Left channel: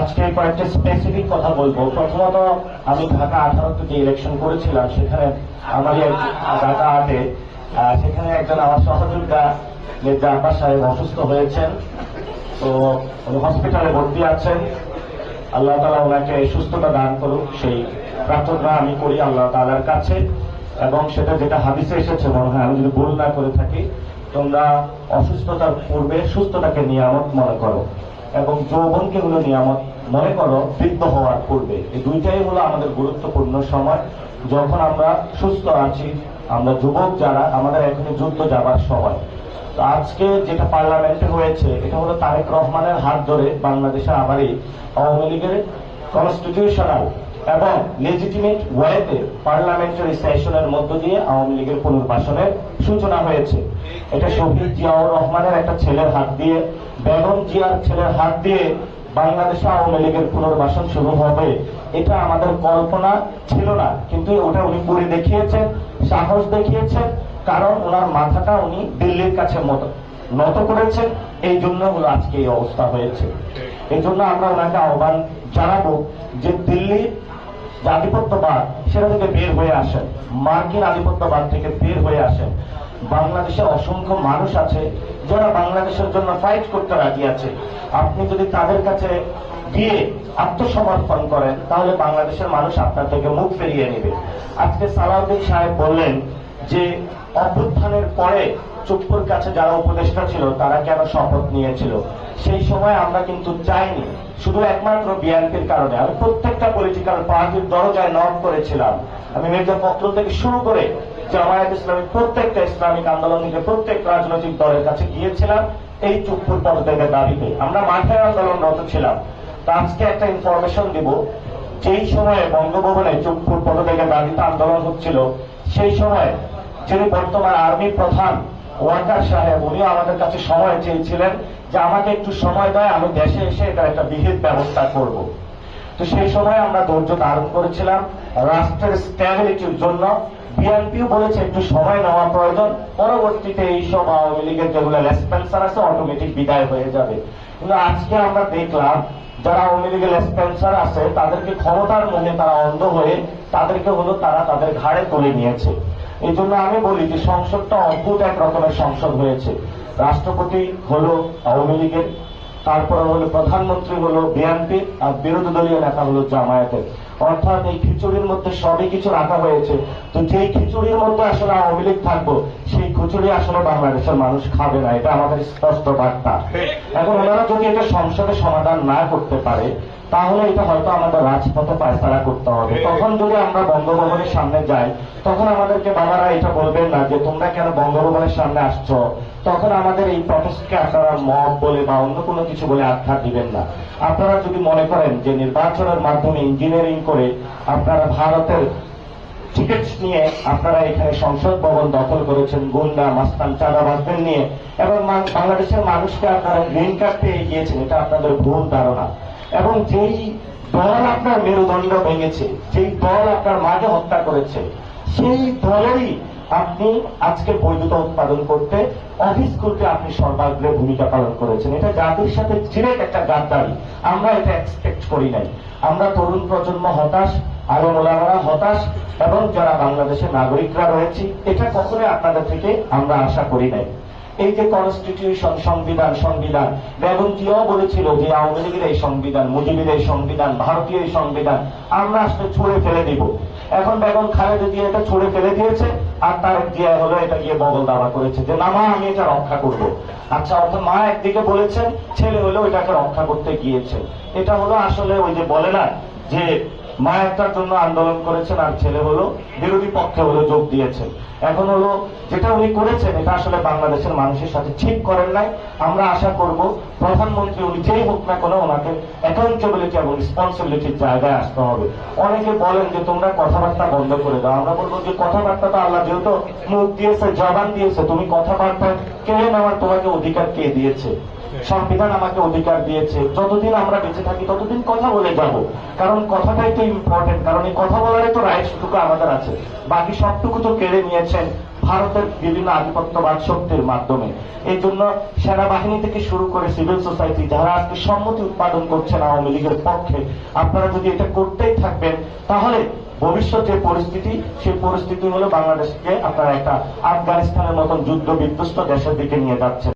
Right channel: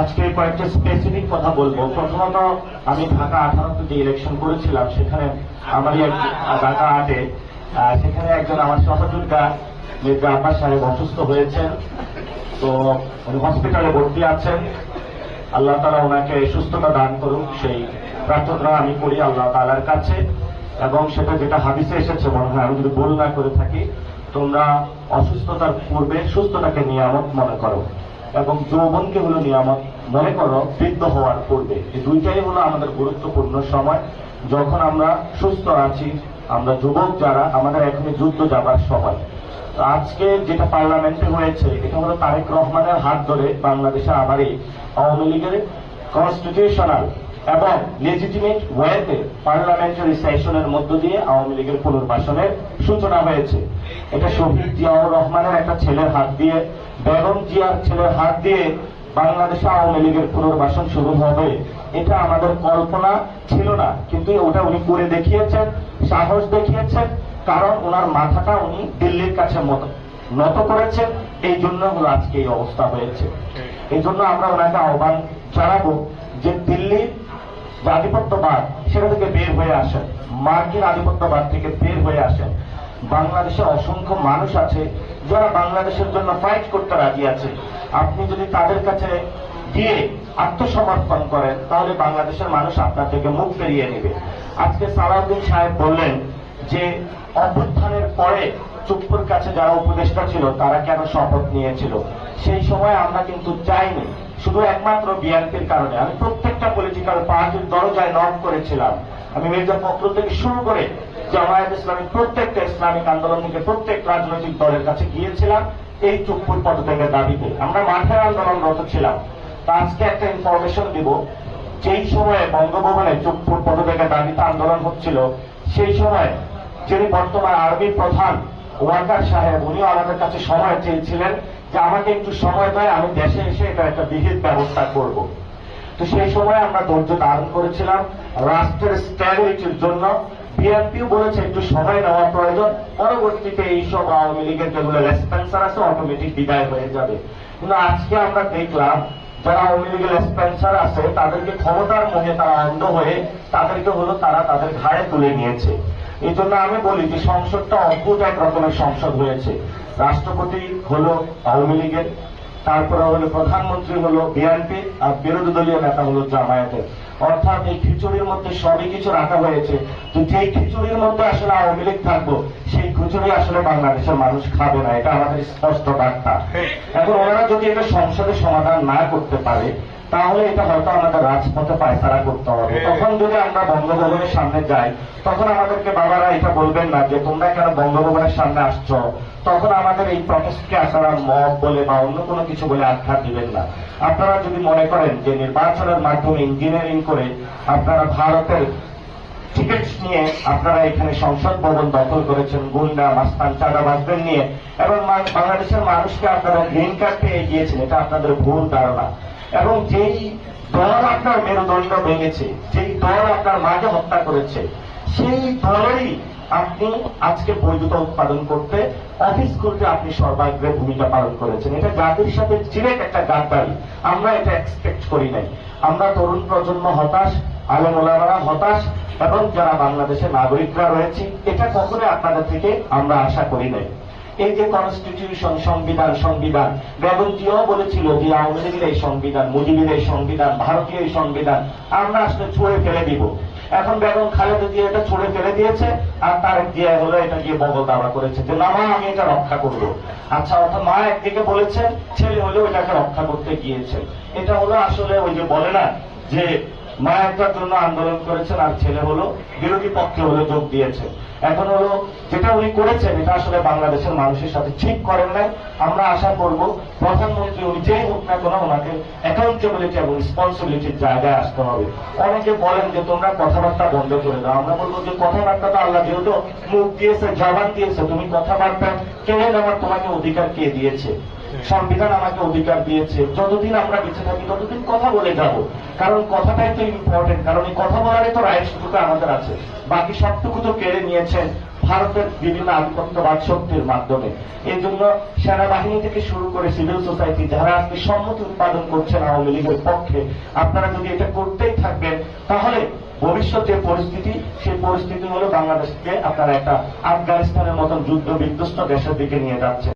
আজকে কয়েকটা স্পেসিফিক কথা বলবো। প্রথমত, আমি ঢাকা 18 যে ইলেকশন করেছিলাম, সেখানে আমাদের ঢাকা 8-এ সেখানে একজন আমার সহযোদ্ধা নেতা আব্বাস সাহেব অসুস্থ হয়েছেন, তো হসপিটালে ভর্তি আছেন। আল্লাহ তাআলা ওনাকে সুস্থতা দান করুন, সেই প্রার্থনা আমি করি আল্লাহ তাআলার কাছে। এবং সেটা যেটা হাদিসে এসেছে, মনে হয় আমি যদি ভুল না করে থাকি, তোমরা অসুস্থতার পূর্বে সুস্থতাকে নিয়ামত মনে করো এবং যৌবনকে হলো নিয়ামত মনে করো বৃদ্ধ হওয়ার পূর্বে। এই দুইটাই হলো আমাদের গুরুত্বপূর্ণ সময়। যখন আমরা সুস্থ আছি, আমরা যুবক যারা, আমাদের এখনই যুদ্ধ যাবার সময়। তো আজকে যেটা পার্লামেন্টে হয়েছে, এটা হলো তারেক রহমানের হাত ধরে বাংলাদেশে আবারই আওয়ামী লীগের কনস্টিটিউশনাল এবং লেজিটিমেট ওয়েতে পার্লামেন্টারি সেশনের মধ্য দিয়ে আওয়ামী লীগের পুনর্বাসনের সূচনা হয়েছে। এটা শহীদ জিয়াউর রহমানের একটা ছেলের হাত দিয়ে, বেগম জিয়ার ছেলের হাত দিয়ে বাংলাদেশে আওয়ামী লীগের পুনর্বাসন শুরু হবে, এটা আমাদের কল্পনা ছিল না। কিন্তু ওটা উনি করে দেখিয়েছেন, সাহস দেখিয়েছেন, কারণ ওনার মাথাটা উনি দিল্লির কাছে নত করেছেন। এই জন্য আজকে এই অবস্থা হয়েছে। এই জন্য আমরা ওনাকে আহ্বান জানাবো যে দিল্লির আধিপত্যবাদ সেটা থেকে বের হয়ে আসেন, মার্কিন আধিপত্যবাদ থেকে বের হয়ে আসেন। বাংলাদেশের অসংখ্য মানুষ আছে যারা বাংলাদেশের জন্য ফাইট করতে রাজি আছে। আপনি যদি তাদের কাছে গিয়ে আত্মসমর্পণ করেন, তাহলে বাংলাদেশের মানুষ আপনার থেকে মুখ ফিরিয়ে নেবে। আজকে সালাউদ্দিন সাহেব বললেন যে অভ্যুত্থানের পরে চুপ্পুর কাছে যারা উপদেষ্টা ছিল তারা কেন শপথ নিয়েছিল। সেই সময় আমরা কিন্তু চাইনি, শুধু একমাত্র বিএনপির কারণে। আমি প্রত্যেকটা পলিটিক্যাল পার্টির দরজায় নক করেছিলাম। আমি মেজর পক্ষ থেকে শুরু করে জামায়াত ইসলামী, প্রত্যেকটা ইসলামিক আন্দোলন থেকে প্রত্যেক রাজনৈতিক দলের কাছে গিয়েছিলাম এই চুপ্পুর পদত্যাগের দাবিতে। আমরা মাঠের আন্দোলনরত ছিলাম। তো আজকে একটা ইনফরমেশন দিব, যেই সময়ে বঙ্গভবনে চুপ্পুর পদত্যাগের দাবিতে আন্দোলন হচ্ছিল, সেই সময় যিনি বর্তমান আর্মির প্রধান ওয়াকার সাহেব, উনিও আমাদের কাছে সময় চেয়েছিলেন যে আমাকে একটু সময় দেয়, আমি দেশে এসে এটা একটা বিহিত ব্যবস্থা করব। তো সেই সময় আমরা ধৈর্য ধারণ করেছিলাম রাষ্ট্রের স্ট্যাবিলিটির জন্য। বিএনপিও বলেছে একটু সময় নেওয়া প্রয়োজন, পরবর্তীতে এইসব আওয়ামী লীগের যেগুলো লেসপেন্সার আছে অটোমেটিক বিদায় হয়ে যাবে। কিন্তু আজকে আমরা দেখলাম যারা আওয়ামী লীগের লেসপেন্সার আছে তাদেরকে ক্ষমতার মধ্যে তারা অন্ধ হয়ে তাদেরকে হলো তারা তাদের ঘাড়ে তুলে নিয়েছে। এই জন্য আমি বলি যে সংসদটা অদ্ভুত এক রকমের সংসদ হয়েছে। রাষ্ট্রপতি হলো আওয়ামী লীগের, তারপরে হলো প্রধানমন্ত্রী হলো বিএনপি, আর বিরোধী দলীয় নেতা হলো জামায়াতের। অর্থাৎ এই খিচুড়ির মধ্যে সবই কিছু রাখা হয়েছে। তো যেই খিচুড়ির মধ্যে আসলে আওয়ামী লীগ থাকবো, সেই খিচুড়ি আসলে বাংলাদেশের মানুষ খাবে না, এটা আমাদের স্পষ্ট বার্তা। এখন ওনারা যদি এটা সংসদে সমাধান না করতে পারে, তাহলে এটা হয়তো আমাদের রাজপথে পায়তারা করতে হবে। তখন যদি আমরা বঙ্গভবনের সামনে যাই, তখন আমাদেরকে বাবারা এটা বলবেন না যে তোমরা কেন বঙ্গভবনের সামনে আসছো। তখন আমাদের এই প্রটেস্টকে আপনারা মব বলে বা অন্য কোনো কিছু বলে আখ্যা দিবেন না। আপনারা যদি মনে করেন যে নির্বাচনের মাধ্যমে ইঞ্জিনিয়ারিং করে আপনারা ভারতের টিকিট নিয়ে আপনারা এখানে সংসদ ভবন দখল করেছেন গুন্ডা মাস্তান চাঁদাবাজদের নিয়ে, এবং বাংলাদেশের মানুষকে আপনারা গ্রিন কার্ড পেয়ে গিয়েছেন, এটা আপনাদের ভুল ধারণা। এবং যেই দল আপনার মেরুদণ্ড ভেঙেছে, যেই দল আপনার মাকে হত্যা করেছে, সেই দলেরই আপনি আজকে বৈধতা উৎপাদন করতে, অফিস করতে আপনি সর্বাগ্রে ভূমিকা পালন করেছেন। এটা জাতির সাথে ডিরেক্ট একটা গাদ্দারি। আমরা এটা এক্সপেক্ট করি নাই। আমরা তরুণ প্রজন্ম হতাশ, আলেম ওলামারা হতাশ, এবং যারা বাংলাদেশের নাগরিকরা রয়েছে, এটা কখনোই আপনাদের থেকে আমরা আশা করি নাই। এই যে কনস্টিটিউশন, সংবিধান বেগম জিয়াও বলেছিল যে আওয়ামী লীগের এই সংবিধান, মুজিবের এই সংবিধান, ভারতীয় এই সংবিধান আমরা আসলে ছুঁড়ে ফেলে দিব। এখন বেগম খালেদা জিয়া এটা ছুঁড়ে ফেলে দিয়েছে, আর তারেক জিয়া হলো এটা গিয়ে বগল দাবা করেছে যে না মা আমি এটা রক্ষা করব। আচ্ছা, অর্থাৎ মা একদিকে বলেছেন, ছেলে হলেও এটাকে রক্ষা করতে গিয়েছে। এটা হলো আসলে ওই যে বলে না যে মা একটার জন্য আন্দোলন করেছেন আর ছেলে হলো বিরোধী পক্ষে হলো যোগ দিয়েছে। এখন হলো যেটা উনি করেছেন এটা আসলে বাংলাদেশের মানুষের সাথে ঠিক করেন নাই। আমরা আশা করব প্রধানমন্ত্রী উনি যেই হোক না কোনো, ওনাকে অ্যাকাউন্টেবিলিটি এবং রেসপন্সিবিলিটির জায়গায় আসতে হবে। অনেকে বলেন যে তোমরা কথাবার্তা বন্ধ করে দাও। আমরা বলবো যে কথাবার্তা তো আল্লাহ যেহেতু মুখ দিয়েছে, জবান দিয়েছে, তুমি কথাবার্তা কেড়ে নেওয়ার তোমাকে অধিকার কে দিয়েছে? সংবিধান আমাকে অধিকার দিয়েছে। যতদিন আমরা বেঁচে থাকি ততদিন কথা বলে যাব, কারণ কথাটাই তো ইম্পর্টেন্ট। কারণ এই কথা বলারই তো রাইটসটুকু আমাদের আছে, বাকি সবটুকু তো কেড়ে নিয়েছেন ভারতের বিভিন্ন আধিপত্যবাদ শক্তির মাধ্যমে। এই জন্য সেনাবাহিনী থেকে শুরু করে সিভিল সোসাইটি যারা আজকে সম্মতি উৎপাদন করছেন আওয়ামী লীগের পক্ষে, আপনারা যদি এটা করতেই থাকবেন তাহলে ভবিষ্যৎ যে পরিস্থিতি, সেই পরিস্থিতি হলো বাংলাদেশকে আপনারা একটা আফগানিস্তানের মতন যুদ্ধ বিধ্বস্ত দেশের দিকে নিয়ে যাচ্ছে।